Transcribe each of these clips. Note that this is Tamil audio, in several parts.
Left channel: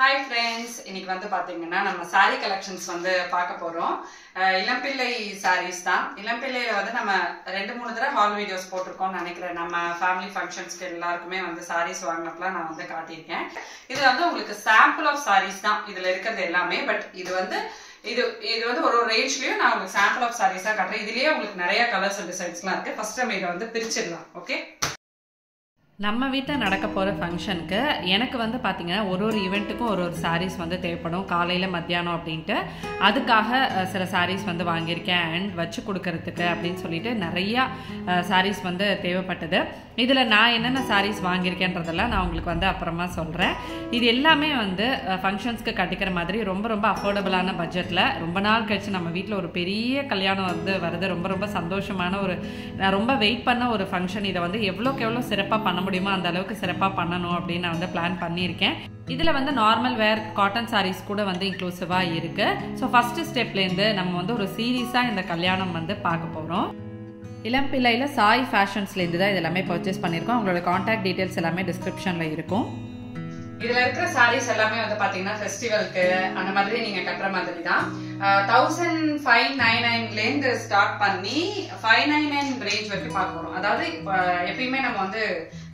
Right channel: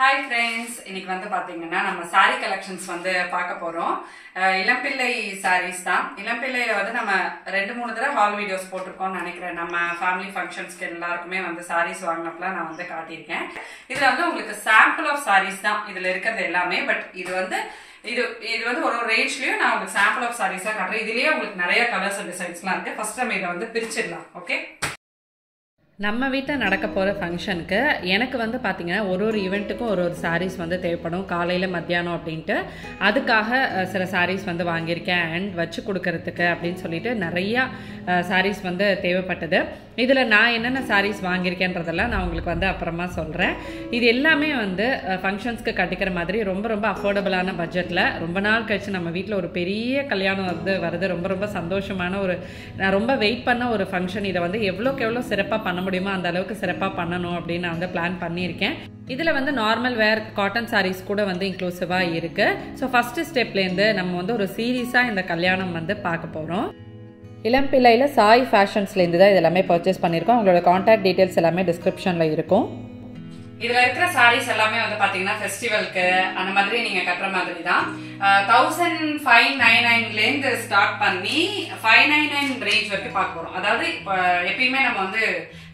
Hi friends, இன்னைக்கு வந்து பாத்தீங்கன்னா நம்ம saree collections வந்து பார்க்க போறோம். இளம்பிள்ளை sarees தான். இளம்பிள்ளையில வந்து நம்ம 2-3 தடவை ஹால் வீடியோஸ் போட்டுருக்கோம்னு நினைக்கிறேன். நம்ம ஃபேமிலி ஃபங்க்ஷன்ஸ்க்கு எல்லாருக்குமே வந்து sarees வாங்கினப்பல நான் வந்து காட்டியிருக்கேன். இதுல வந்து உங்களுக்கு sample of sarees தான் இதுல இருக்கிறது எல்லாமே. பட் இது வந்து ஒரு ரேஞ்ச்லயும் நான் உங்களுக்கு sample of sarees காட்டுறேன். இதுலயே உங்களுக்கு நிறைய கலர்ஸ் அண்ட் டிசைன்ஸ்லாம் இருக்கு. ஃபர்ஸ்ட் நம்ம இதை வந்து பிரிச்சிடலாம். ஓகே, நம்ம வீட்டில் நடக்க போகிற ஃபங்க்ஷனுக்கு எனக்கு வந்து பார்த்திங்கன்னா ஒரு ஈவெண்ட்டுக்கும் ஒரு சாரீஸ் வந்து தேவைப்படும். காலையில் மத்தியானம் அப்படின்ட்டு அதுக்காக சில சாரீஸ் வந்து வாங்கியிருக்கேன். அண்ட் வச்சு கொடுக்கறதுக்கு அப்படின்னு சொல்லிட்டு நிறையா சாரீஸ் வந்து தேவைப்பட்டது. இதில் நான் என்னென்ன சாரீஸ் வாங்கியிருக்கேன்றதெல்லாம் நான் உங்களுக்கு வந்து அப்புறமா சொல்கிறேன். இது எல்லாமே வந்து ஃபங்க்ஷன்ஸ்க்கு கட்டிக்கிற மாதிரி ரொம்ப ரொம்ப அஃபோர்டபுளான பட்ஜெட்டில் ரொம்ப நாள் கழிச்சு நம்ம வீட்டில் ஒரு பெரிய கல்யாணம் வந்து வருது. ரொம்ப ரொம்ப சந்தோஷமான நான் ரொம்ப வெயிட் பண்ண ஒரு ஃபங்க்ஷன். இதை வந்து எவ்வளோக்கு எவ்வளோ சிறப்பாக பண்ண முடியுமோ அந்த அளவுக்கு சிறப்பாக பண்ணணும் அப்படின்னு நான் வந்து பிளான் பண்ணியிருக்கேன். இதில் வந்து நார்மல் வேர் காட்டன் சாரீஸ் கூட வந்து இன்க்ளூசிவாக இருக்குது. ஸோ ஃபஸ்ட்டு ஸ்டெப்லேருந்து நம்ம வந்து ஒரு சீரீஸாக இந்த கல்யாணம் வந்து பார்க்க போகிறோம். இளம்பிள்ளையில் சாய் ஃபேஷன்ஸ்லேருந்து தான் இதெல்லாமே பர்ச்சேஸ் பண்ணியிருக்கோம். உங்களோட கான்டாக்ட் டீட்டெயில்ஸ் எல்லாமே டிஸ்கிரிப்ஷனில் இருக்கும். இதுல இருக்கிற சாரீஸ் எல்லாமே வந்து பாத்தீங்கன்னா ஃபெஸ்டிவலுக்கு அந்த மாதிரி நீங்க கட்டுற மாதிரி தான். 1599 இருந்து ஸ்டார்ட் பண்ணி 599 ரேஞ்ச் வரைக்கும் பார்க்க போறோம். அதாவது எப்பயுமே நம்ம வந்து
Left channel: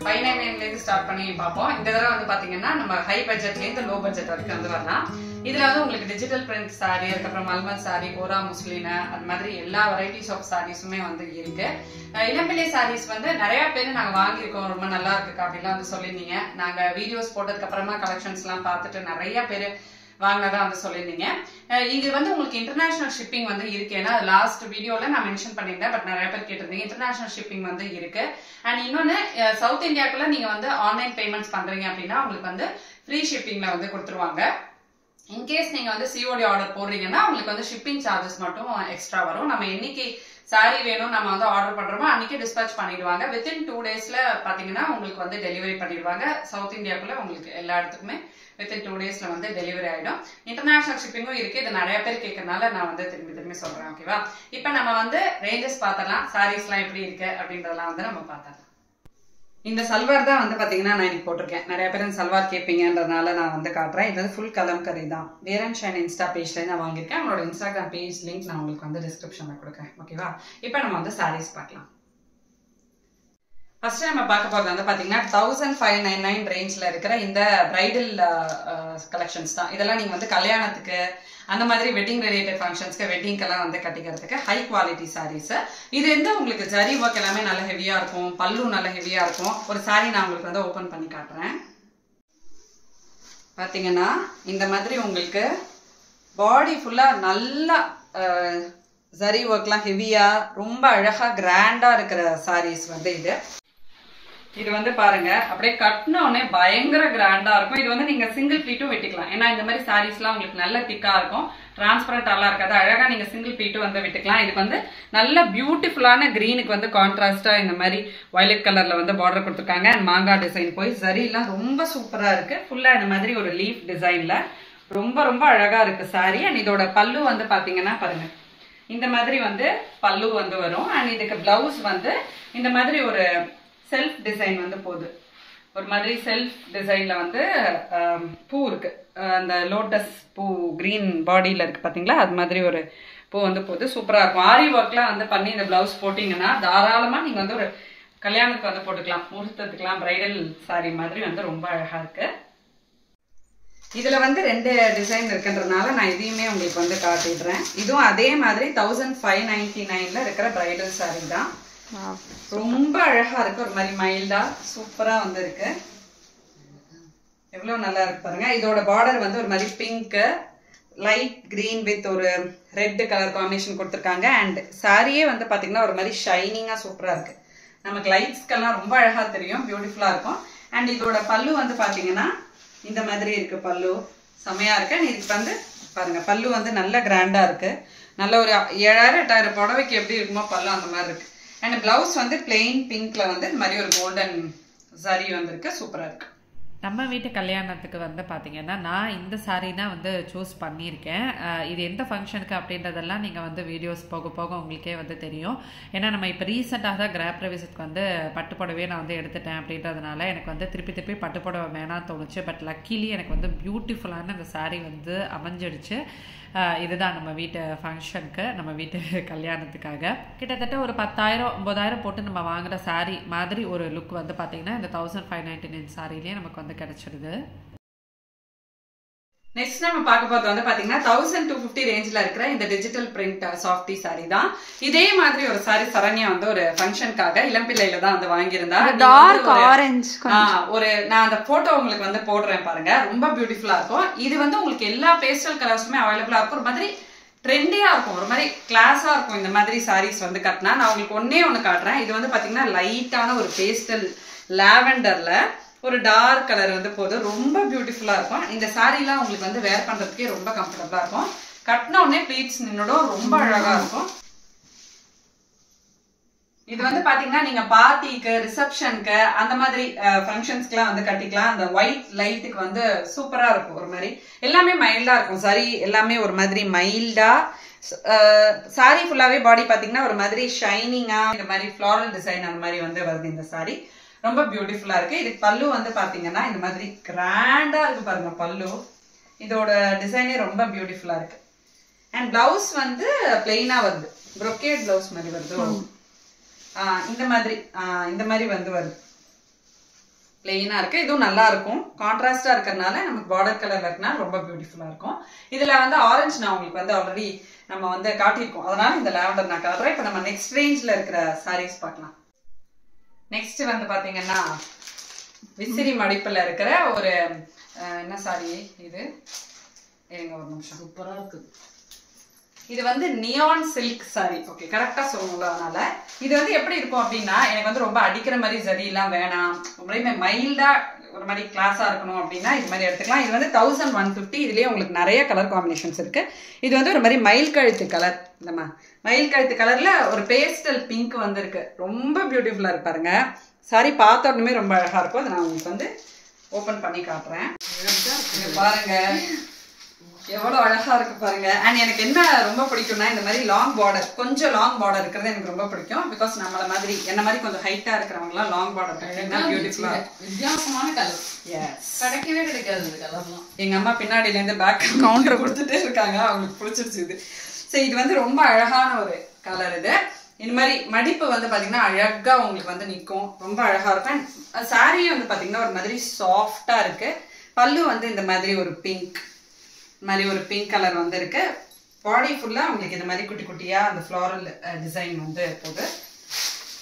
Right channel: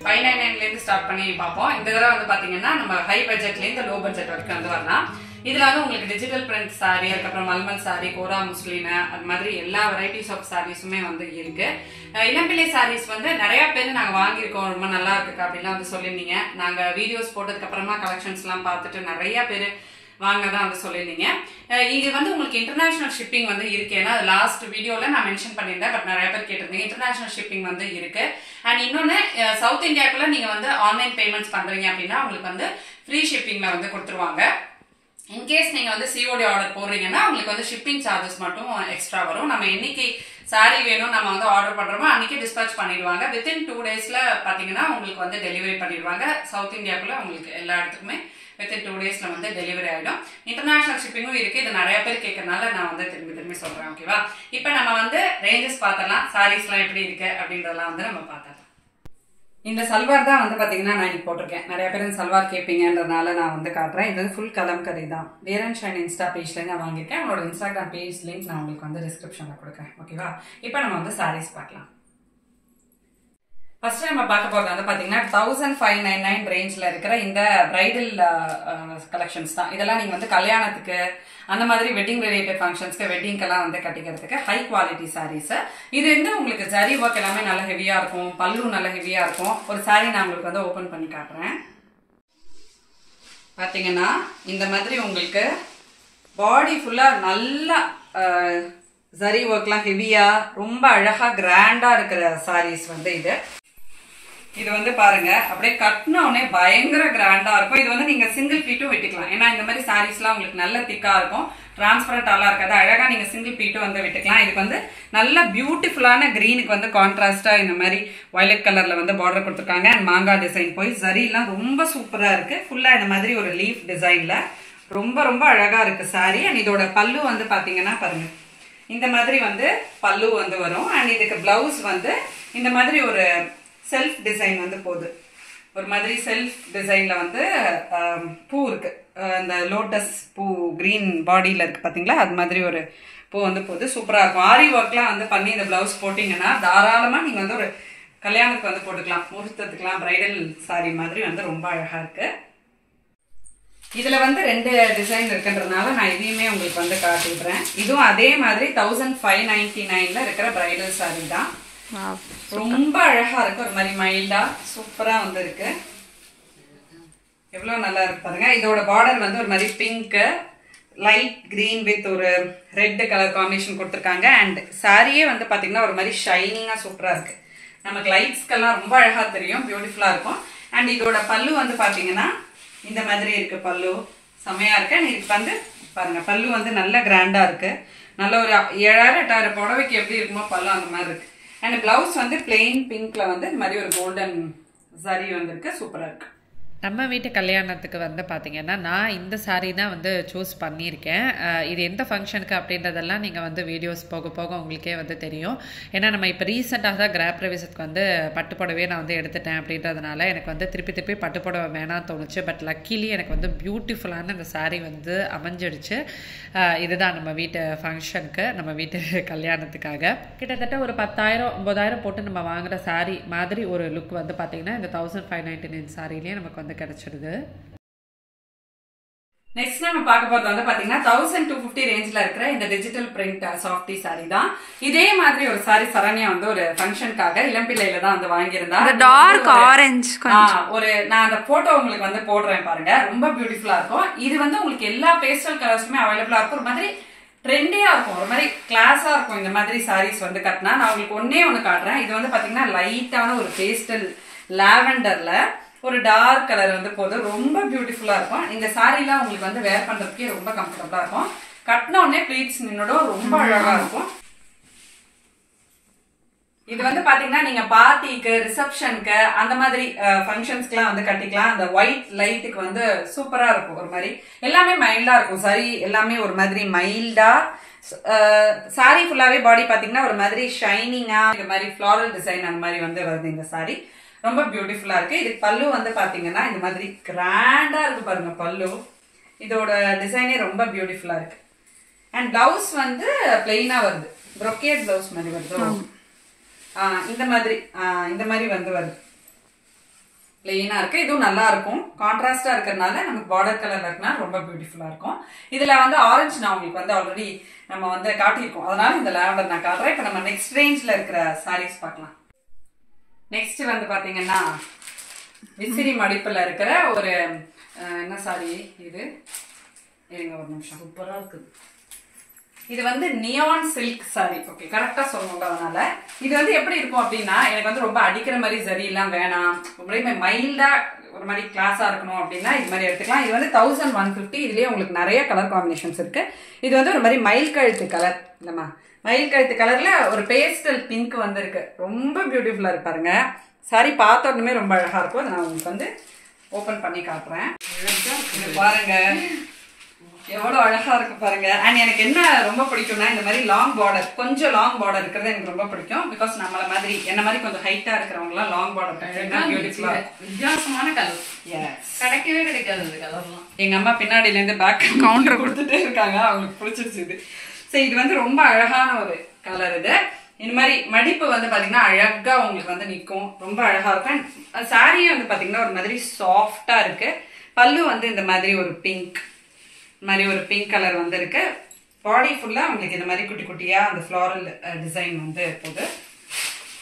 599 இருந்து ஸ்டார்ட் பண்ணி பார்ப்போம். இந்த தடவை வந்து பாத்தீங்கன்னா நம்ம ஹை பட்ஜெட்ல இருந்து லோ பட்ஜெட் வரைக்கும் வந்து வரலாம். இதுல வந்து உங்களுக்கு டிஜிட்டல் பிரிண்ட் சாரி, அதுக்கப்புறம் மல்மல் சாரி, கோரா முஸ்லிம், அது மாதிரி எல்லா வெரைட்டிஸ் ஆஃப் சாரீஸுமே வந்து இருக்கு. இளம்பிள்ளை சாரீஸ் வந்து நிறைய பேர் நாங்க வாங்கியிருக்கோம், ரொம்ப நல்லா இருக்கு அப்படின்லாம் வந்து சொல்லியிருந்தீங்க. நாங்க வீடியோஸ் போட்டதுக்கு அப்புறமா கலெக்ஷன்ஸ் எல்லாம் பார்த்துட்டு நிறைய பேர் வாங்கினதான் வந்து சொல்லியிருந்தீங்க. இது வந்து உங்களுக்கு இன்டர்நேஷனல் ஷிப்பிங் வந்து இருக்கு. ஏன்னா லாஸ்ட் வீடியோல நான் மென்ஷன் பண்ணியிருந்தேன். பட் நிறைய பேர் கேட்டிருந்தீங்க. இன்டர்நேஷனல் ஷிப்பிங் வந்து இருக்கு. அண்ட் இன்னொன்னு சவுத் இந்தியாக்குள்ள நீங்க வந்து ஆன்லைன் பேமெண்ட்ஸ் பண்றீங்க அப்படின்னா உங்களுக்கு வந்து ஃப்ரீ ஷிப்பிங்ல வந்து கொடுத்துருவாங்க. இன்கேஸ் நீங்க வந்து சிஓடி ஆர்டர் போடுறீங்கன்னா உங்களுக்கு வந்து ஷிப்பிங் சார்ஜஸ் மட்டும் எக்ஸ்ட்ரா வரும். நம்ம என்னைக்கு சாரி வேணும் நம்ம வந்து ஆர்டர் பண்றோமோ அன்னைக்கு டிஸ்பேச் பண்ணிடுவாங்க. வித்தின் 2 டேஸ்ல பாத்தீங்கன்னா உங்களுக்கு வந்து டெலிவரி பண்ணிடுவாங்க. சவுத் இந்தியாக்குள்ள உங்களுக்கு எல்லா இடத்துக்குமே வித்தின் 2 டேஸ்ல வந்து டெலிவரி ஆயிடும். இன்டர்நேஷனல் ஷிப்பிங்கும் இருக்கு. இது நிறைய பேர் கேட்கறதுனால நான் வந்து திரும்பி சொல்றேன். ஓகேவா? இப்ப நம்ம வந்து ரேஞ்சஸ் பார்த்தலாம், சாரீஸ் எல்லாம் எப்படி இருக்கு அப்படின்றதெல்லாம் வந்து நம்ம பார்த்தலாம். இந்த சல்வார் தான் வந்து பாத்தீங்கன்னா நான் இன்னைக்கு போட்டிருக்கேன். நிறைய பேர் இந்த சல்வார் கேட்பீங்கன்றதுனால நான் வந்து காட்டுறேன். இது வந்து ஃபுல் கலம்கரி தான். வேர் அண்ட் ஷைன் இன்ஸ்டா பேஜ்ல நான் வாங்கியிருக்கேன். அவங்களோட இன்ஸ்டாகிராம் பேஜ் லிங்க் நான் உங்களுக்கு வந்து டிஸ்கிரிப்ஷன்ல கொடுக்குறேன். ஓகேவா? இப்போ நம்ம வந்து சாரீஸ் பார்க்கலாம். ஃபர்ஸ்ட் நம்ம பார்க்க போறது வந்து பாத்தீங்கன்னா 1599 ரேஞ்ச்ல இருக்கிற இந்த பிரைடல் கலெக்ஷன்ஸ் தான். இதெல்லாம் நீங்க வந்து கல்யாணத்துக்கு அந்த மாதிரி வெட்டிங் ரிலேட்டட் ஃபங்க்ஷன்ஸ்க்கு வெட்டிங்க்கெல்லாம் வந்து கட்டிக்கிறதுக்கு ஹை குவாலிட்டி சாரீஸ். இது வந்து உங்களுக்கு ஜரி ஒர்க் எல்லாமே நல்ல ஹெவியா இருக்கும், பல்லு நல்ல ஹெவியா இருக்கும். ஒரு சாரீ நான் உங்களுக்கு வந்து ஓபன் பண்ணி காட்டுறேன். பாத்தீங்கன்னா இந்த மாதிரி உங்களுக்கு பாடி ஃபுல்லா நல்லா ஜரி ஒர்க்லாம் ஹெவியா ரொம்ப அழகா கிராண்டா இருக்கிற சாரீஸ் வந்து இது வந்து பாருங்க அப்படியே கட்டினோடனே பயங்கர கிராண்டா இருக்கும். இது வந்து நீங்க சிங்கிள் பீட்டும் விட்டுக்கலாம். ஏன்னா இந்த மாதிரி சாரீஸ் எல்லாம் உங்களுக்கு நல்ல திக்கா இருக்கும், டிரான்ஸ்பரண்டாலாம் இருக்காது. அழகா நீங்க சிங்கிள் பீட்டும் வந்து விட்டுக்கலாம். இதுக்கு வந்து நல்ல பியூட்டிஃபுல்லான கிரீனுக்கு வந்து கான்ட்ராஸ்டா இந்த மாதிரி வயலட் கலர்ல வந்து பார்டர் கொடுத்துருக்காங்க. அண்ட் மாங்காய் டிசைன் போய் ஜரி எல்லாம் ரொம்ப சூப்பரா இருக்கு. ஃபுல்லா இந்த மாதிரி ஒரு லீஃப் டிசைன்ல ரொம்ப ரொம்ப அழகா இருக்கு சாரி. அண்ட் இதோட பல்லு வந்து பாத்தீங்கன்னா பாருங்க இந்த மாதிரி வந்து பல்லு வந்து வரும். அண்ட் இதுக்கு பிளவுஸ் வந்து இந்த மாதிரி ஒரு செல்ஃப் டிசைன் வந்து போகுது. ஒரு மாதிரி செல்ஃப் டிசைன்ல வந்து பூ இருக்கு. அந்த லோட்டஸ் பூ கிரீன் பாடியில இருக்கு பாத்தீங்களா, அது மாதிரி ஒரு பூ வந்து போகுது. சூப்பரா இருக்கும். ஆரி ஒர்க்லாம் வந்து பண்ணி இந்த பிளவுஸ் போட்டீங்கன்னா தாராளமா நீங்க வந்து ஒரு கல்யாணத்துக்கு வந்து போட்டுக்கலாம், முகூர்த்தத்துக்குலாம் பிரைடல் சாரி மாதிரி வந்து ரொம்ப அழகா இருக்கு. இதுல வந்து 2 டிசைன் இருக்குன்றதுனால நான் இதையுமே உங்களுக்கு வந்து காட்டிடுறேன். இதுவும் அதே மாதிரி 1599ல இருக்கிற பிரைடல் சாரி தான். ரொம்ப அழகா இருக்கு. ஒரு மாதிரி மைல்டா சூப்பரா வந்து இருக்கு. எவ்வளவு நல்லா இருக்கு பாருங்க. இதோட பார்டர் வந்து ஒரு மாதிரி பிங்க் லைட் கிரீன் வித் ஒரு ரெட் கலர் காம்பினேஷன் கொடுத்துருக்காங்க. அண்ட் சாரியே வந்து பாத்தீங்கன்னா ஒரு மாதிரி ஷைனிங்கா சூப்பரா இருக்கு. நமக்கு லைட்ஸ்க்கெல்லாம் ரொம்ப அழகா தெரியும், பியூட்டிஃபுல்லா இருக்கும். அண்ட் இதோட பல்லு வந்து பாத்தீங்கன்னா இந்த மாதிரி இருக்கு. பல்லு செமையா இருக்கு. இதுக்கு வந்து பாருங்க பல்லு வந்து நல்ல கிராண்டா இருக்கு. நல்ல ஒரு 7000-8000 புடவைக்கு எப்படி இருக்குமோ பல்லு அந்த மாதிரி இருக்கு. அண்ட் பிளவுஸ் வந்து பிளெயின் பிங்க்ல வந்து இந்த மாதிரி ஒரு கோல்டன் சரி வந்திருக்கு. சூப்பரா இருக்கு. நம்ம வீட்டு கல்யாணத்துக்கு வந்து பார்த்திங்கன்னா நான் இந்த சாரீ தான் வந்து சூஸ் பண்ணியிருக்கேன். இது எந்த ஃபங்க்ஷனுக்கு அப்படின்றதெல்லாம் நீங்கள் வந்து வீடியோஸ் போக போக உங்களுக்கே வந்து தெரியும். ஏன்னா நம்ம இப்போ ரீசெண்டாக தான் கிராப் பிரவேசத்துக்கு வந்து பட்டுப்புடவே நான் வந்து எடுத்துட்டேன் அப்படின்றதுனால எனக்கு வந்து திருப்பி பட்டுப்புடவை வேணாம்னு தோணுச்சு. பட் லக்கிலி எனக்கு வந்து பியூட்டிஃபுல்லான அந்த சாரீ வந்து அமைஞ்சிடுச்சு. இதுதான் நம்ம வீட்டு ஃபங்க்ஷனுக்கு, நம்ம வீட்டு கல்யாணத்துக்காக கிட்டத்தட்ட ஒரு 10,000-9,000 போட்டு நம்ம வாங்குகிற சாரீ மாதிரி ஒரு லுக் வந்து பார்த்திங்கன்னா இந்த 1599 சாரிலேயே நமக்கு வந்து கிடைச்சிடுது. நெக்ஸ்ட் நம்ம பார்க்க போறது வந்து பாத்தீங்கன்னா 1250 ரேஞ்ச்ல இருக்கிற இந்த டிஜிட்டல் பிரிண்ட் சாஃப்டி சாரி தான். இதே மாதிரி ஒரு சாரி சரண்யா வந்து ஒரு ஃபங்க்ஷனுக்காக இளம்பிள்ளையில தான் வந்து வாங்கியிருந்தா. டார்க் ஆரஞ்சு ஒரு நான் அந்த போட்டோ உங்களுக்கு வந்து போடுறேன் பாருங்க, ரொம்ப பியூட்டிஃபுல்லா இருக்கும். இது வந்து உங்களுக்கு எல்லா பேஸ்டல் கலர்ஸுமே அவைலபிளா இருக்கும். ஒரு மாதிரி ட்ரெண்டியா இருக்கும், ஒரு மாதிரி கிளாஸா இருக்கும். இந்த மாதிரி சாரீஸ் வந்து கட்டினா நான் உங்களுக்கு ஒண்ணு காட்டுறேன். இது வந்து பாத்தீங்கன்னா லைட்டான ஒரு பேஸ்டல் லாவெண்டர்ல ஒரு டார்க் கலர் வந்து போதும், ரொம்ப பியூட்டிஃபுல்லா இருக்கும். இந்த சாரீலாம் உங்களுக்கு வந்து வேர் பண்றதுக்கே ரொம்ப கம்ஃபர்டபுளா இருக்கும். கட்டின உடனே ப்ளீட்ஸ் நின்னோட ரொம்ப அழகா இருக்கும். இது வந்து பாத்தீங்கன்னா நீங்க பார்ட்டிக்கு, ரிசப்ஷனுக்கு, அந்த மாதிரி ஃபங்க்ஷன்ஸ்க்குலாம் வந்து கட்டிக்கலாம். அந்த ஒயிட் லைட்டுக்கு வந்து சூப்பரா இருக்கும். ஒரு மாதிரி எல்லாமே மைல்டா இருக்கும். சரி, எல்லாமே ஒரு மாதிரி மைல்டா. சாரி ஃபுல்லாவே பாடி பாத்தீங்கன்னா ஒரு மாதிரி ஷைனிங்கா, இந்த மாதிரி ஃபிளாரல் டிசைன் அந்த மாதிரி வந்து வருது இந்த சாரி. ரொம்ப பியூட்டிஃபுல்லா இருக்கு. இது பல்லு வந்து பாத்தீங்கன்னா இந்த மாதிரி கிராண்டா இருக்கு பாருங்க பல்லு. இதோட டிசைனே ரொம்ப பியூட்டிஃபுல்லா இருக்கு. அண்ட் பிளவுஸ் வந்து பிளெயினா வருது, ப்ரொக்கேட் பிளவுஸ் மாதிரி வருது. இந்த மாதிரி வந்து வருது, பிளெயினா இருக்கு. இதுவும் நல்லா இருக்கும், கான்ட்ராஸ்டா இருக்கிறதுனால நமக்கு பார்டர் கலர்ல இருக்குன்னா ரொம்ப பியூட்டிஃபுல்லா இருக்கும். இதுல வந்து ஆரஞ்சு நான் உங்களுக்கு வந்து ஆல்ரெடி நம்ம வந்து காட்டியிருக்கோம், அதனால இந்த லாவெண்டர் நான் காட்டுறேன். இப்போ நம்ம நெக்ஸ்ட் ரேஞ்ச்ல இருக்கிற சாரீஸ் பார்க்கலாம். நெக்ஸ்ட் வந்து பாத்தீங்கன்னா விசிறி மடிப்புல இருக்கிற ஒரு என்ன சாரி இது, இருங்க ஒரு நிமிஷம், சூப்பரா இருக்கு. இது வந்து நியான் சில்க் சாரி. ஓகே, கரெக்டா சொல்லணும்ல. அதனால இது வந்து எப்படி இருக்கும் அப்படின்னா, எனக்கு வந்து ரொம்ப அடிக்கிற மாதிரி சரி எல்லாம் வேணாம், ரொம்ப மைல்டா ஒரு மாதிரி கிளாஸா இருக்கணும் அப்படின்னா இது மாதிரி எடுத்துக்கலாம். இது வந்து 1150. இதுலயே உங்களுக்கு நிறைய கலர் காம்பினேஷன்ஸ் இருக்கு. இது வந்து ஒரு மாதிரி மயில் கழுத்து கலர், இந்த மயில் கழுத்து கலர்ல ஒரு பேஸ்டல் பிங்க் வந்து இருக்கு, ரொம்ப பியூட்டிஃபுல்லா இருக்கு பாருங்க. சாரி பார்த்த உடனே ரொம்ப அழகா இருக்கும். அதை நான் உங்களுக்கு வந்து ஓபன் பண்ணி காட்டுறேன். பாருங்க எவ்வளவு அழகா இருக்கு பாருங்க. அண்ட் எனக்கு என்ன ரொம்ப பிடிக்கும்னா இந்த மாதிரி லாங் பார்டர், கொஞ்சம் லாங் பார்டர் இருக்கிறது எனக்கு ரொம்ப பிடிக்கும். பிகாஸ் நம்மள மாதிரி என்ன மாதிரி கொஞ்சம் ஹைட்டா இருக்கிறவங்க எல்லாம் லாங் பார்டர் கட்டினா பியூட்டிஃபுல்லா இருக்கும். வித்தியாசமான கலர், கிடைக்கவே கிடைக்காது இந்த கலர்லாம். எங்க அம்மா பின்னாடில இருந்து பேக் கவுண்டர் கொடுத்துட்டே இருக்காங்க, அவங்களுக்கு பிடிச்சிருச்சு இது. சரி, இது வந்து ரொம்ப அழகான ஒரு கலர். இது இந்த மாதிரி மடிப்பு வந்து பாத்தீங்கன்னா அழகா உங்களுக்கு வந்து நிற்கும், ரொம்ப அழகா இருக்கும். சாரியே வந்து பாத்தீங்கன்னா ஒரு மாதிரி சாஃப்டா இருக்கு. பல்லு வந்து இந்த மாதிரி ஒரு பிங்க் மாதிரி ஒரு பிங்க் கலர் வந்து இருக்கு. பாடி ஃபுல்லா உங்களுக்கு இந்த மாதிரி குட்டி குட்டியா அந்த ஃப்ளாரல் டிசைன் வந்து போகுது,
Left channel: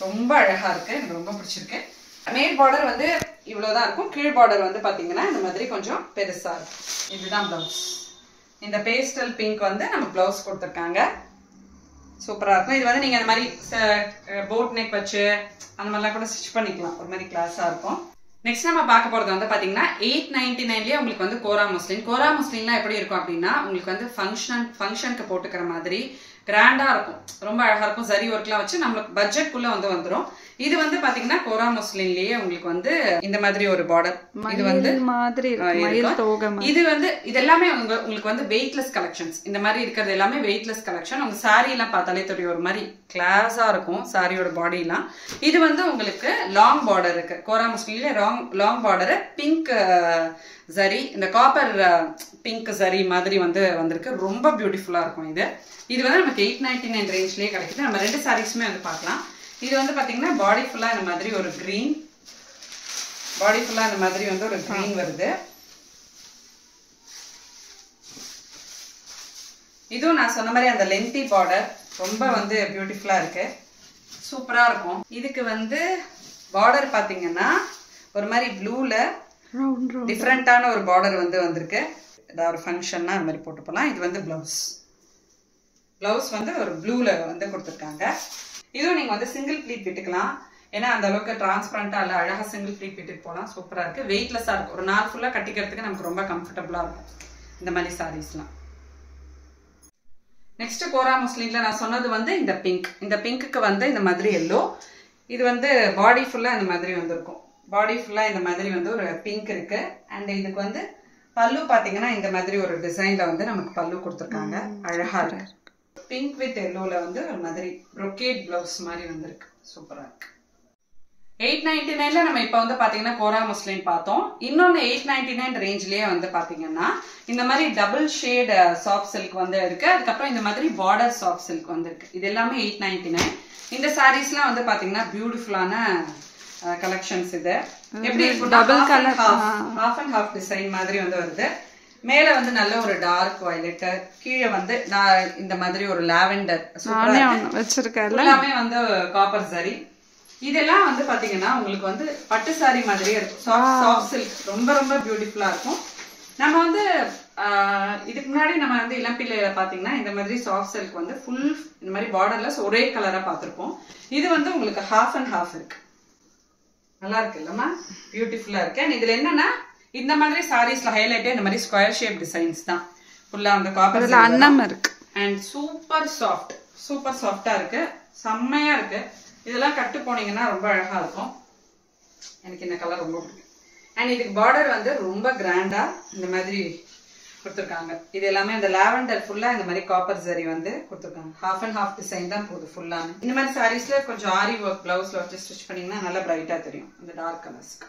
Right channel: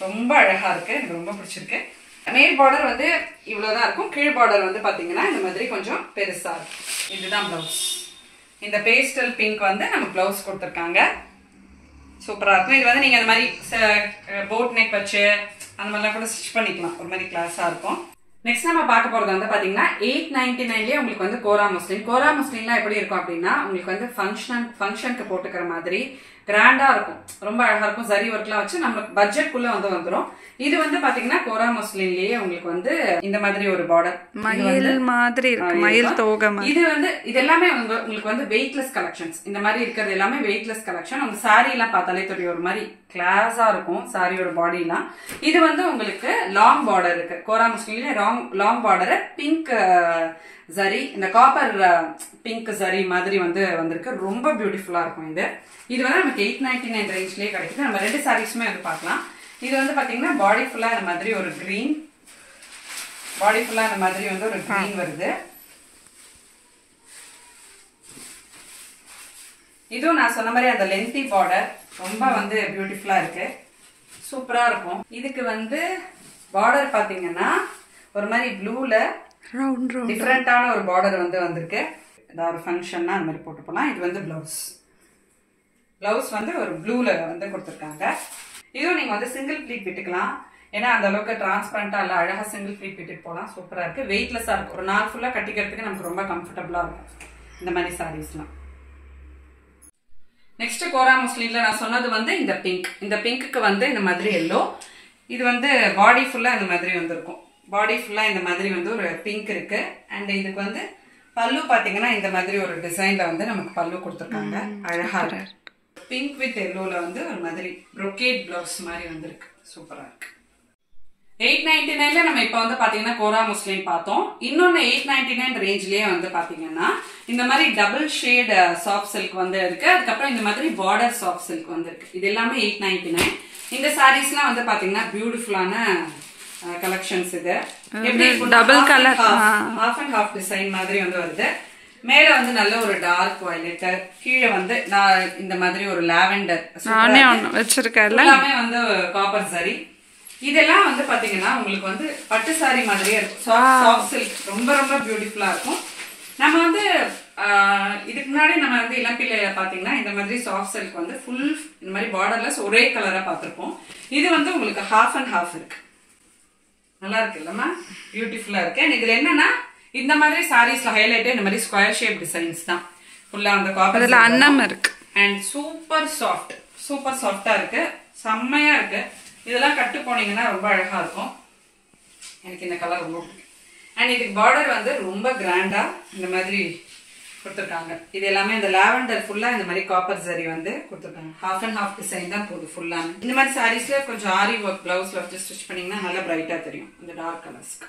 ரொம்ப அழகா இருக்கு, எனக்கு ரொம்ப பிடிச்சிருக்கு. மேல் பார்டர் வந்து இவ்வளவுதான் இருக்கும், கீழ் பார்டர் வந்து பாத்தீங்கன்னா இந்த மாதிரி கொஞ்சம் பெருசா இருக்கும். இதுதான் பிளவுஸ். இந்த பேஸ்டல் பிங்க் வந்து நம்ம பிளவுஸ் கொடுத்துருக்காங்க, சூப்பரா இருக்கும். இது வந்து நீங்க அந்த மாதிரி போட் நெக் வச்சு அந்த மாதிரிலாம் கூட ஸ்டிச் பண்ணிக்கலாம், ஒரு மாதிரி கிளாஸா இருக்கும். நெக்ஸ்ட் நம்ம பார்க்க போறது வந்து பாத்தீங்கன்னா 899லயே உங்களுக்கு வந்து கோரா முஸ்லிம். கோரா முஸ்லிம்லாம் எப்படி இருக்கும் அப்படின்னா உங்களுக்கு வந்து ஃபங்க்ஷனுக்கு போட்டுக்கிற மாதிரி கிராண்டா இருக்கும், ரொம்ப அழகா இருக்கும். சரி ஒர்க்லாம் வச்சு நம்ம பட்ஜெட்குள்ள வந்து வந்துடும். இது வந்து பாத்தீங்கன்னா கோரா முஸ்லிம்லயே உங்களுக்கு வந்து இந்த மாதிரி ஒரு பார்டர் மயில் மாதிரி இருக்கு, மயில் தோகை மாதிரி. இது வந்து இது எல்லாமே உங்களுக்கு வந்து வெயிட்லெஸ் கலெக்ஷன்ஸ். இந்த மாதிரி இருக்கிறது எல்லாமே வெயிட்லெஸ் கலெக்ஷன். உங்க சாரி எல்லாம் பார்த்தாலே தெரியும், ஒரு மாதிரி கிளாஸா இருக்கும் சாரியோட பாடி எல்லாம். இது வந்து உங்களுக்கு லாங் பார்டர் இருக்கு. கோரா முஸ்லிம்ல லாங் பார்டர் பிங்க் சரி, இந்த காப்பர் பிங்க் சரி மாதிரி வந்து வந்திருக்கு, ரொம்ப பியூட்டிஃபுல்லா இருக்கும். இது வந்து நமக்கு 899 ரேஞ்ச்லயே கிடைக்குது. நம்ம ரெண்டு சாரீஸுமே வந்து பார்க்கலாம். இது வந்து பாத்தீங்கன்னா பாடி ஃபுல்லா இந்த மாதிரி ஒரு கிரீன், பாடி ஃபுல்லா இந்த மாதிரி வந்து ஒரு கிரீன் வருது. இதுவும் நான் சொன்ன மாதிரி அந்த லென்த்தி பார்டர் ரொம்ப வந்து பியூட்டிஃபுல்லா இருக்கு, சூப்பரா இருக்கும். இதுக்கு வந்து பார்டர் பாத்தீங்கன்னா ஒரு மாதிரி ப்ளூல டிஃப்ரெண்டான ஒரு பார்டர் வந்து வந்திருக்கு. ஏதாவது ஒரு ஃபங்க்ஷன்னா அந்த மாதிரி போட்டு போகலாம். இது வந்து பிளவுஸ் வந்து ஒரு ப்ளூல வந்து கொடுத்துருக்காங்க. இதுவும் நீங்க வந்து சிங்கிள் ப்ளீட் விட்டுக்கலாம், ஏன்னா அந்த அளவுக்கு டிரான்ஸ்பரண்டா இல்ல, அழகா சிங்கிள் ப்ளீட் விட்டுட்டு போகலாம், சூப்பரா இருக்கு. வெயிட்லெஸ்ஸா இருக்கும், ஒரு நாள் ஃபுல்லா கட்டிக்கிறதுக்கு நமக்கு ரொம்ப கம்ஃபர்டபுளா இருக்கும் இந்த மாதிரி சாரீஸ்லாம். நெக்ஸ்ட் கோரா முஸ்லிம்ல நான் சொன்னது வந்து இந்த பிங்க். இந்த பிங்க்குக்கு வந்து இந்த மாதிரி எல்லோ. இது வந்து பாடி ஃபுல்லா இந்த மாதிரி வந்திருக்கும், பாடி ஃபுல்லா இந்த மாதிரி வந்து ஒரு பிங்க் இருக்கு. அண்ட் இதுக்கு வந்து பல்லு பாத்தீங்கன்னா இந்த மாதிரி ஒரு டிசைன்ல வந்து நமக்கு பல்லு கொடுத்துருக்காங்க. அழகா இருக்கு. பிங்க் வித் எல்லோல வந்து ஒரு மாதிரி brocade பிளவுஸ் மாதிரி வந்திருக்கு. சூப்பரா இருக்கு. 899ல நம்ம இப்போ வந்து பாத்தீங்கன்னா கோரா முஸ்லிம் பார்த்தோம். இன்னொன்னு 899 ரேஞ்ச்லயே வந்து பாத்தீங்கன்னா இந்த மாதிரி டபுள் ஷேட் சாஃப்ட் சில்க் வந்து இருக்கு. அதுக்கப்புறம் இந்த மாதிரி பார்டர் சாஃப்ட் சில்க் வந்து இருக்கு. இது எல்லாமே 899. இந்த சாரீஸ்லாம் வந்து பாத்தீங்கன்னா பியூட்டிஃபுல்லான கலெக்ஷன்ஸ். இது எப்படி double colour half and half design மாதிரி வந்து வருது. மேல வந்து நல்ல ஒரு டார்க் வயலட், கீழே வந்து நான் இந்த மாதிரி ஒரு லாவெண்டர் வச்சிருக்கேன். எல்லாமே வந்து காப்பர் சரி. இதெல்லாம் வந்து பாத்தீங்கன்னா உங்களுக்கு வந்து பட்டு சாரி மாதிரியே இருக்கும். சாஃப்ட் சில்க் ரொம்ப ரொம்ப பியூட்டிஃபுல்லா இருக்கும். நம்ம வந்து இதுக்கு முன்னாடி நம்ம வந்து இளம்பிள்ளையில பாத்தீங்கன்னா இந்த மாதிரி சாஃப்ட் சில்க் வந்து ஃபுல் இந்த மாதிரி பார்டர்லெஸ் ஒரே கலரா பார்த்திருப்போம். இது வந்து உங்களுக்கு ஹாஃப் அண்ட் ஹாஃப் இருக்கு. நல்லா இருக்கு இல்லம்மா? பியூட்டிஃபுல்லா இருக்கு. அண்ட் இதுல என்னன்னா இந்த மாதிரி சாரீஸ்ல ஹைலைட் இந்த மாதிரி ஸ்கொயர் ஷேப் டிசைன்ஸ் தான் ஃபுல்லா அந்த காப்பர் அன்னம் இருக்கு. அண்ட் சூப்பர் சாஃப்டா இருக்கு. செம்மையா இருக்கு. இதெல்லாம் கட்டு போனீங்கன்னா ரொம்ப அழகா இருக்கும். எனக்கு இந்த கலர் ரொம்ப பிடிக்கும். அண்ட் இதுக்கு பார்டர் வந்து ரொம்ப கிராண்டா இந்த மாதிரி கொடுத்துருக்காங்க. இது எல்லாமே இந்த லாவெண்டர் ஃபுல்லா இந்த மாதிரி காப்பர் ஜரி வந்து கொடுத்துருக்காங்க. ஹாஃப் அண்ட் ஹாஃப் டிசைன் தான் போகுது ஃபுல்லா. இந்த மாதிரி சாரீஸ்ல கொஞ்சம் ஆரி ஒர்க் பிளவுஸ்ல வச்சு ஸ்டிச் பண்ணீங்கன்னா நல்லா பிரைட்டா தெரியும் இந்த டார்க் கலர்ஸ்க்கு.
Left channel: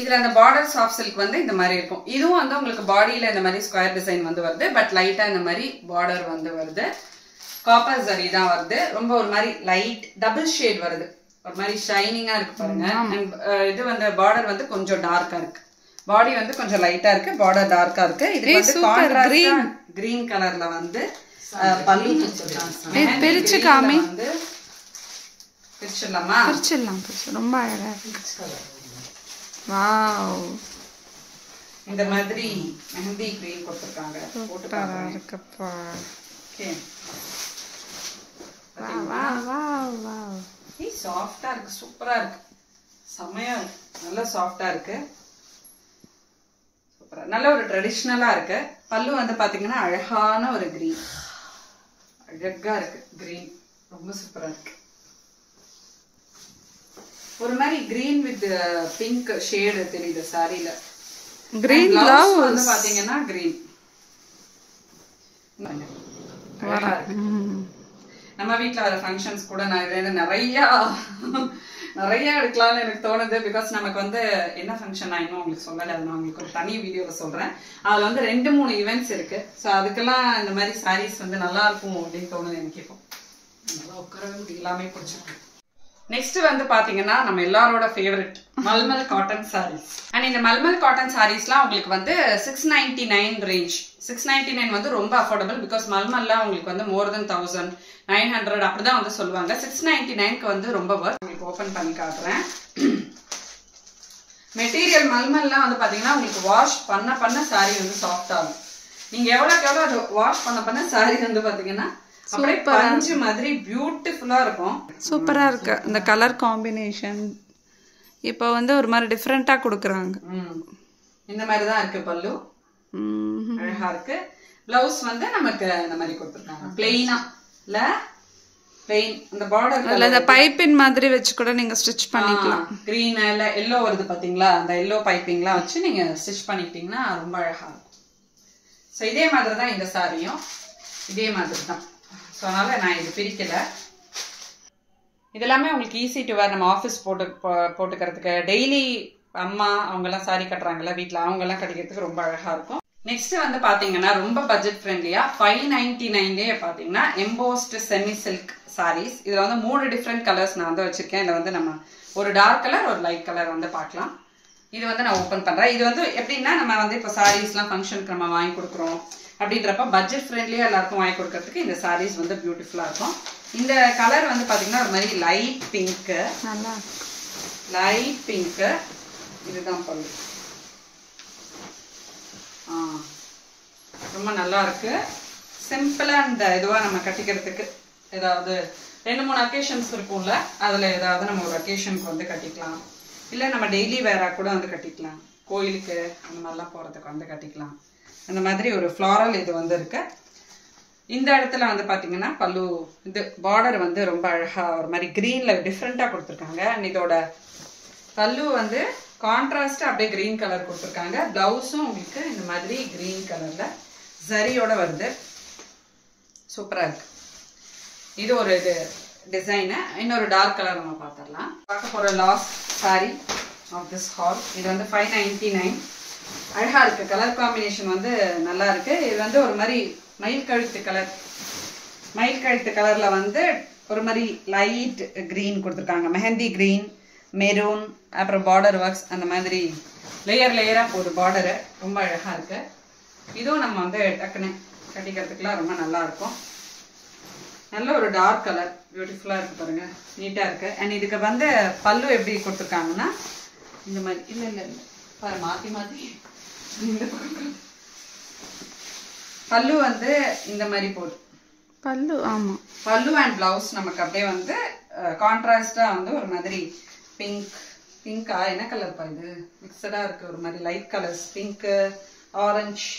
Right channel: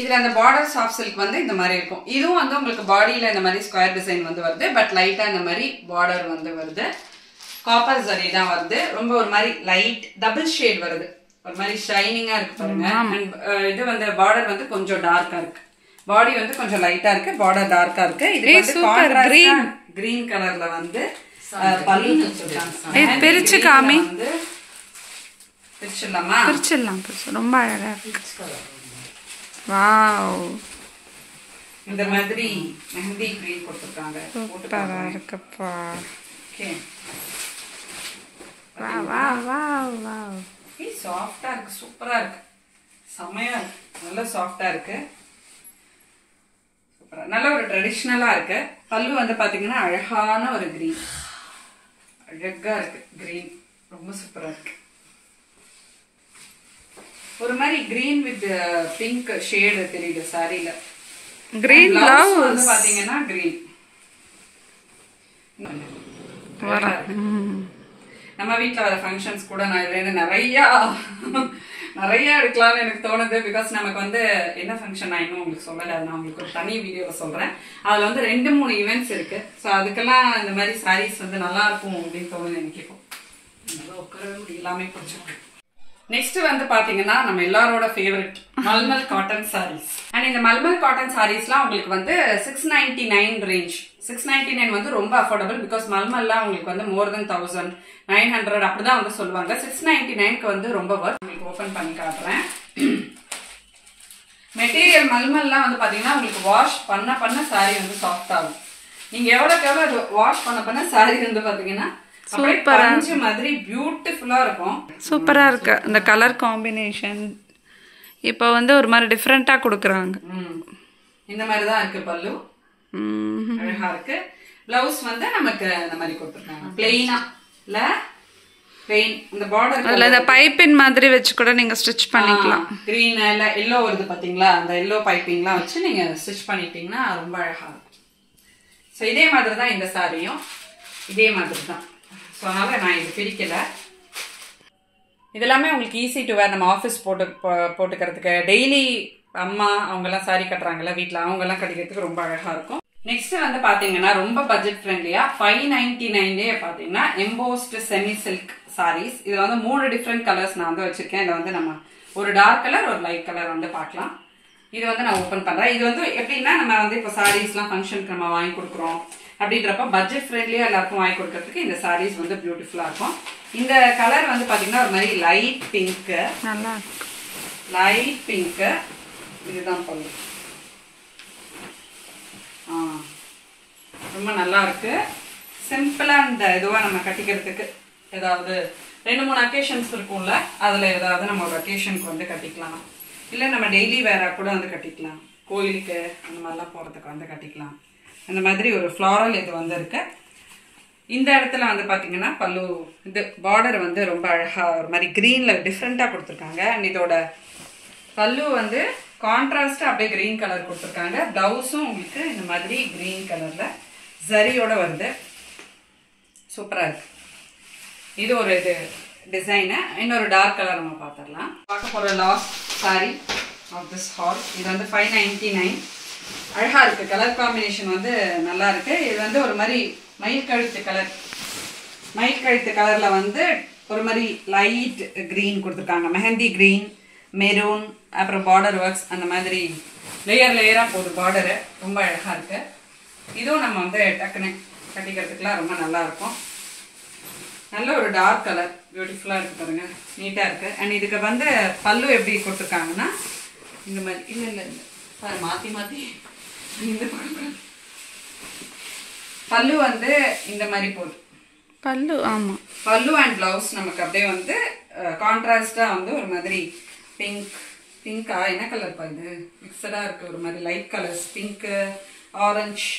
இதுல அந்த பார்டர் சாஃப்ட் சில்க் வந்து இந்த மாதிரி இருக்கும். இதுவும் வந்து உங்களுக்கு பாடியில இந்த மாதிரி ஸ்கொயர் டிசைன் வந்து வருது. பட் லைட்டா இந்த மாதிரி பார்டர் வந்து வருது. காப்பர் ஜரி தான் வருது. ரொம்ப ஒரு மாதிரி லைட் டபுள் ஷேட் வருது. ஒரு மாதிரி ஷைனிங்கா இருக்கு பாருங்க. அண்ட் இது வந்து பார்டர் வந்து கொஞ்சம் டார்க்கா இருக்கு. பாடி வந்து கொஞ்சம் லைட்டா இருக்கு, பார்டர் டார்க்கா இருக்கு. இது வந்து கான்ட்ராஸ்ட் கிரீன் கலர்ல வந்து பல்லு கொடுத்திருக்காங்க. பிரிச்சு காமி. பிரிச்சிடலாமா? பிரிச்சிடலாம். ரொம்ப அழகா இருக்கு. வாவ். இந்த மாதிரி மெஹந்தி கிரீன் கொடுத்திருக்காங்க. சூப்பரா இருக்குப்பா. Okay. Wow wow wow wow. இது சாஃப்ட்டா இருக்கு. சூப்பரா இருக்கு. செமையா இருக்கு. நல்ல சாஃப்ட்டா இருக்கு. சூப்பரா. நல்ல ஒரு ட்ரெடிஷனலா இருக்கு. பல்லு வந்து பாத்தீங்கன்னா அழகான ஒரு கிரீன். அழகா இருக்கு கிரீன். ரொம்ப சூப்பரா இருக்கு. ஒரு மாதிரி கிரீன் வித் பிங்க் ஷேட் தெரியுது சாரில. கிரீன் பிளவுஸ் வந்து பாத்தீங்கன்னா கிரீன். நம்ம வீட்ல வர ஃபங்க்ஷன்ஸ் கூட நான் நிறைய எடுக்கலாம்னு எனக்கு தோணுது. பிகாஸ் நமக்கு வந்து என்ன ஃபங்க்ஷன் நான் இன்னும் உங்களுக்கு சொல்லலை. அது நான் உங்களுக்கு ஒரு தனி வீடியோல சொல்றேன். அதுல வந்து 2-3 ஈவெண்ட்ஸ் இருக்கு. ஸோ அதுக்கெல்லாம் இந்த மாதிரி சாரீஸ் வந்து நல்லா இருக்கும் அப்படின்னு தோணுது எனக்கு. இப்போ நல்லா உட்காரவே முடியும். எல்லாமே பிடிச்சிருக்கு. நெக்ஸ்ட் வந்து பாத்தீங்கன்னா நம்ம எல்லாரோட favourite mulmul cotton saris. And இந்த மல்மல் காட்டன் சாரீஸ்லாம் உங்களுக்கு வந்து 699 ரேஞ்ச். 699 வந்து ரொம்ப அஃபோர்டபுள். பிகாஸ் மல்மல்லாம் உங்களுக்கு வந்து மோர் தென் 1900 அப்படிதான் வந்து சொல்லுவாங்க. 699க்கு வந்து ரொம்ப வர்த். உங்களுக்கு ஓபன் பண்ணி காட்டுறேன். மெட்டீரியல் மல்மல்லாம் வந்து பாத்தீங்கன்னா உங்களுக்கு வாஷ் பண்ண சாரி வந்து சாஃப்ட் ஆகும். நீங்க எவ்வளவுக்கு எவ்வளவு வாஷ் பண்ண சாரி வந்து பாத்தீங்கன்னா பஞ்சு மாதிரி பியூட்டிஃபுல்லா இருக்கும். சூப்பரா இருக்கு இந்த கலர் காம்பினேஷன். இப்போ வந்து ஒரு மாதிரி டிஃபரெண்டா கொடுக்குறாங்க. இந்த மாதிரி தான் இருக்கு பல்லு. அழகா இருக்கு. பிளவுஸ் வந்து நமக்கு இந்த மாதிரி கொடுத்துருக்காங்க. பிளெயினா இல்ல பிளெயின் அந்த பார்டர் அதுல இந்த பைப்பிங் மாதிரி வச்சு கூட நீங்க ஸ்டிச் பண்ணிக்கலாம். கிரீன் இல்ல எல்லோ வருது பாத்தீங்களா? அந்த எல்லோ பைப்பிங்லாம் வச்சு நீங்க ஸ்டிச் பண்ணிட்டீங்கன்னா ரொம்ப அழகா இருக்கும். ஸோ இதே மாதிரி தான் இந்த சாரியும் இதே மாதிரி தான். ஸோ அதனால நான் இது பிரிக்கல. இதெல்லாமே உங்களுக்கு ஈஸி டு வேர். நம்ம ஆஃபீஸ் போட்டுக்கிறதுக்கு டெய்லி அம்மா அவங்கெல்லாம் சாரி கட்டுறாங்கல்ல வீட்டில், அவங்கெல்லாம் கட்டிக்கிறதுக்கு ரொம்ப அழகா இருக்கும். நெக்ஸ்ட் வந்து பாத்தீங்கன்னா ரொம்ப பட்ஜெட் ஃப்ரெண்ட்லியா 599லேயே பாத்தீங்கன்னா எம்போஸ்ட் செமி சில்க் சாரீஸ். இதுல வந்து 3 டிஃப்ரெண்ட் கலர்ஸ் நான் வந்து வச்சிருக்கேன். இதில் வந்து நம்ம ஒரு டார்க் கலர் ஒரு லைட் கலர் வந்து பார்க்கலாம். இது வந்து நான் ஓப்பன் பண்றேன். இது வந்து எப்படின்னா நம்ம வந்து இப்போ சாரீஸ்லாம் ஃபங்க்ஷனுக்கு நம்ம வாங்கி கொடுக்குறோம் அப்படின்றப்ப பட்ஜெட் ஃப்ரெண்ட்லியா எல்லாருக்கும் வாங்கி கொடுக்கறதுக்கு இந்த சாரீஸ் வந்து பியூட்டிஃபுல்லா இருக்கும். இந்த கலர் வந்து பாத்தீங்கன்னா ஒரு மாதிரி லைட் பிங்க். நல்லா இருக்கு. Light pink. இதுதான் பல்லு. ரொம்ப நல்லா இருக்கு. சிம்பிளா இந்த இதுவா நம்ம கட்டிக்கிறதுக்கு ஏதாவது 2-3 அக்கேஷன்ஸ் இருக்கும்ல, அதுல ஏதாவது நம்ம ஒரு அக்கேஷனுக்கு வந்து கட்டிக்கலாம். இல்ல நம்ம டெய்லி வேரா கூட வந்து கட்டிக்கலாம். கோயிலுக்கு அந்த மாதிரிலாம் போறதுக்கு வந்து கட்டிக்கலாம். அந்த மாதிரி ஒரு ஃப்ளாரல் இது வந்து இருக்கு. இந்த இடத்துல வந்து பாத்தீங்கன்னா பல்லு இது பார்டர் வந்து ரொம்ப அழகா ஒரு மாதிரி கிரீன்ல டிஃப்ரெண்டா கொடுத்துருக்காங்க. அண்ட் இதோட பல்லு வந்து கான்ட்ராஸ்ட் அப்படியே கிரீன் கலர் கொடுத்துருக்காங்க. பிளவுஸும் உங்களுக்கு இந்த மாதிரி கிரீன் கலர்ல ஜரியோட வருது. சூப்பரா இருக்கு. இது ஒரு இது டிசைனு. இன்னொரு டார்க் கலர் நம்ம பார்த்துடலாம். பார்க்க போற last sari of this haul. இது வந்து 599. அழகா இருக்கு. கலர் காம்பினேஷன் வந்து நல்லா இருக்கு. இது வந்து ஒரு மாதிரி மயில் கழுத்து கலர். மயில் கழுத்து கலர்ல வந்து ஒரு மாதிரி லைட் கிரீன் கொடுத்துருக்காங்க. மெஹந்தி கிரீன், மெரூன், அப்புறம் பார்டர் ஒர்க்ஸ் அந்த மாதிரி லேயரா போகுது பார்டரு. ரொம்ப அழகா இருக்கு. இதுவும் நம்ம வந்து டக்குன்னு கட்டிக்கிறதுக்குலாம் ரொம்ப நல்லா இருக்கும். நல்ல ஒரு டார்க் கலர், பியூட்டிஃபுல்லா இருக்கு பாருங்க, நீட்டா இருக்கு. அண்ட் இதுக்கு வந்து பல்லு எப்படி கொடுத்துருக்காங்கன்னா இந்த மாதிரி இல்ல மாத்தி மாத்தி இந்த பல்லு வந்து இந்த மாதிரி போகுது. பல்லு ஆமா, பல்லு அண்ட் பிளவுஸ் நமக்கு அப்படியே வந்து கான்ட்ராஸ்டா வந்து ஒரு மாதிரி பிங்கா என்ன கலர் பா இது மிக்சடா இருக்கு. ஒரு மாதிரி light colours, pink, orange,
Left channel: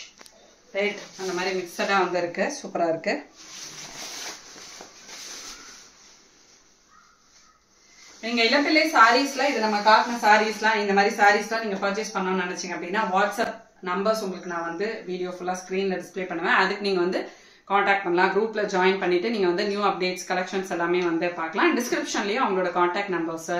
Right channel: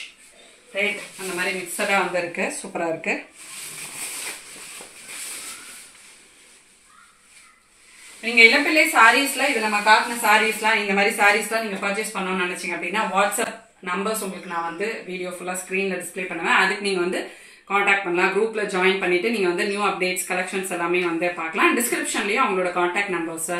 red அந்த மாதிரி மிக்சடா வந்து இருக்கு. சூப்பரா இருக்கு. நீங்க இளம்பிள்ளை சாரீஸ்ல இது நம்ம காட்டின சாரீஸ்லாம் இந்த மாதிரி சாரீஸ்லாம் நீங்க பர்ச்சேஸ் பண்ணணும்னு நினைச்சீங்க அப்படின்னா வாட்ஸ்அப் நம்பர்ஸ் உங்களுக்கு நான் வந்து வீடியோ ஃபுல்லா ஸ்கிரீன்ல டிஸ்பிளே பண்ணுவேன். அதுக்கு நீங்க வந்து காண்டாக்ட் பண்ணலாம். குரூப்ல ஜாயின் பண்ணிட்டு நீங்க வந்து நியூ அப்டேட்ஸ் கலெக்ஷன்ஸ் எல்லாமே வந்து பார்க்கலாம். டிஸ்கிரிப்ஷன்லயும் அவங்களோட காண்டாக்ட் நம்பர்ஸ்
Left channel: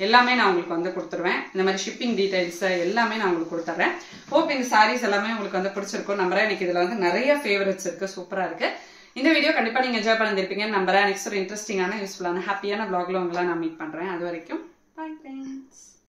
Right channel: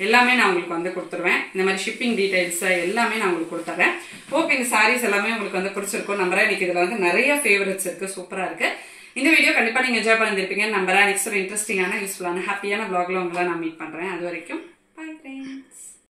எல்லாமே நான் உங்களுக்கு வந்து கொடுத்துருவேன். இந்த மாதிரி ஷிப்பிங் டீடைல்ஸ் எல்லாமே நான் உங்களுக்கு கொடுத்துறேன். ஹோப் இந்த சாரீஸ் எல்லாமே உங்களுக்கு வந்து பிடிச்சிருக்கும் நம்புறேன். எனக்கு இதுல வந்து நிறைய ஃபேவரட்ஸ் இருக்கு. சூப்பரா இருக்கு. இந்த வீடியோ கண்டிப்பா நீங்க என்ஜாய் பண்ணிருப்பீங்க நம்புறேன். நெக்ஸ்ட் ஒரு இன்ட்ரெஸ்டிங்கான யூஸ்ஃபுல்லான ஹாப்பியான vlogல உங்களை நான் மீட் பண்றேன். அது வரைக்கும் பை ஃப்ரெண்ட்ஸ்.